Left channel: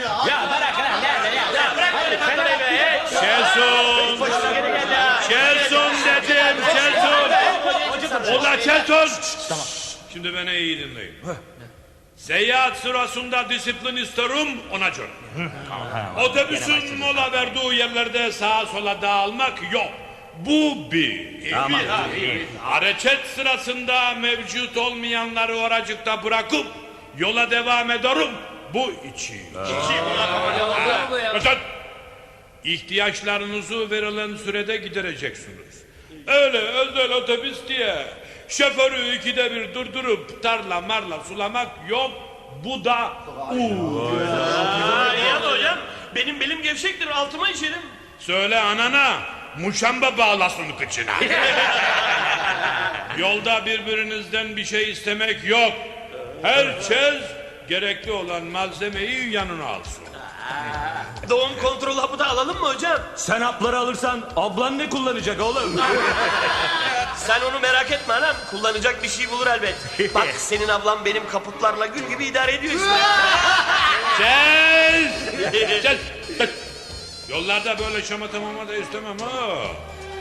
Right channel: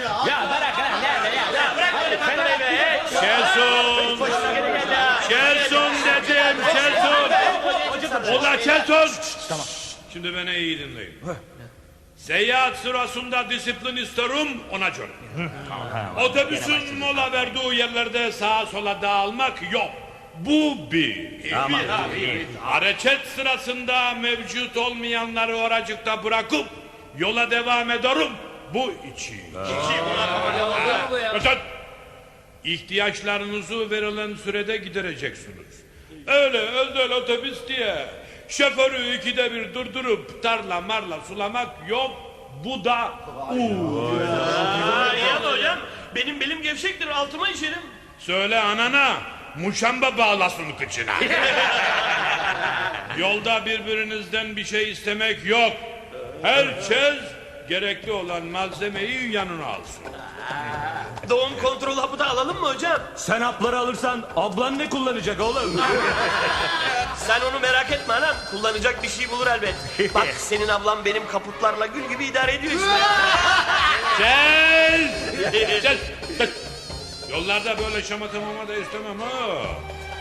ya. Bırak lan ya ya ya. Hayır sen öyle. Çelson. Çelson dedim. Çelson. Ola Çelson. Tamam. Şimdi beni iyi dinleyin. Seyahat sırasında disiplin isterim ona göre. Otobüsün mola verdiği yerlerde sağa sola dağılmak yok. Bu bir. Hareket sırasında mevcut olmayanları oracıkta bırakıp yola devam ederim. Bu iki. Mesela ihtiyaçlarınızı verilen sürede gidereceksiniz. Öyle özel otobüs diye şoförü ikide bir durdurup tarla marla sulamak yok. Bu da uğur. Ama hocam benim belim gevşektir altıma işerim. Söyle anana muşamba bağlasın kıçına. Yolda birbirinizden bir şey istemek yok. Herkes gerekli olan malzemeyi yanına alsın. Doğum kontrol hapı da alalım mı hocam? Sen hapları alırsan ablan ne kullanacak oğlum? Sen onu merak etme anam. Kullanacak bir şey bulur elbet. Bak senin ablam benim kaputlarla gül gibi idare ediyor işte. Gel! Gel! Bak. Yollarda böyle şamata mamata istemem ha.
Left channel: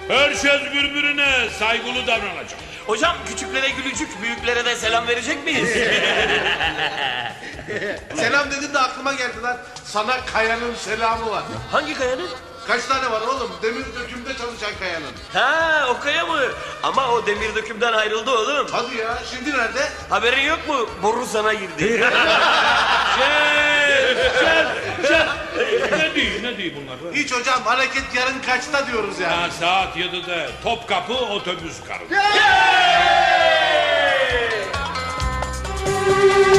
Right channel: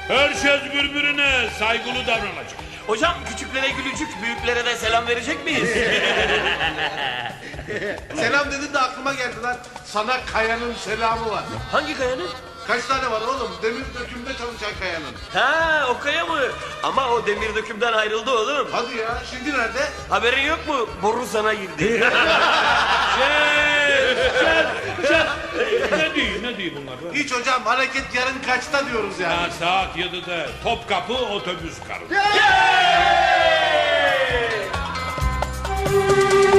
Herkes birbirine saygılı davranacak. Hocam küçüklere gülücük, büyüklere de selam verecek miyiz? Selam dedin de aklıma geldi lan. Sana Kaya'nın selamı var. Hangi kayanın? Kaç tane var oğlum? Demir dökümde çalışan Kaya'nın. Ha o kaya mı? Ama o demir dökümden ayrıldı oğlum. Hadi ya şimdi nerede? Haberin yok mu? Boru sana girdi. Gel! Gel! Gel! Ne diyeyim, ne diyeyim bunlar? Hiç hocam hareket yarın kaçta diyoruz yani. Ha, saat 7'de Topkapı otobüs karı. Gözlerin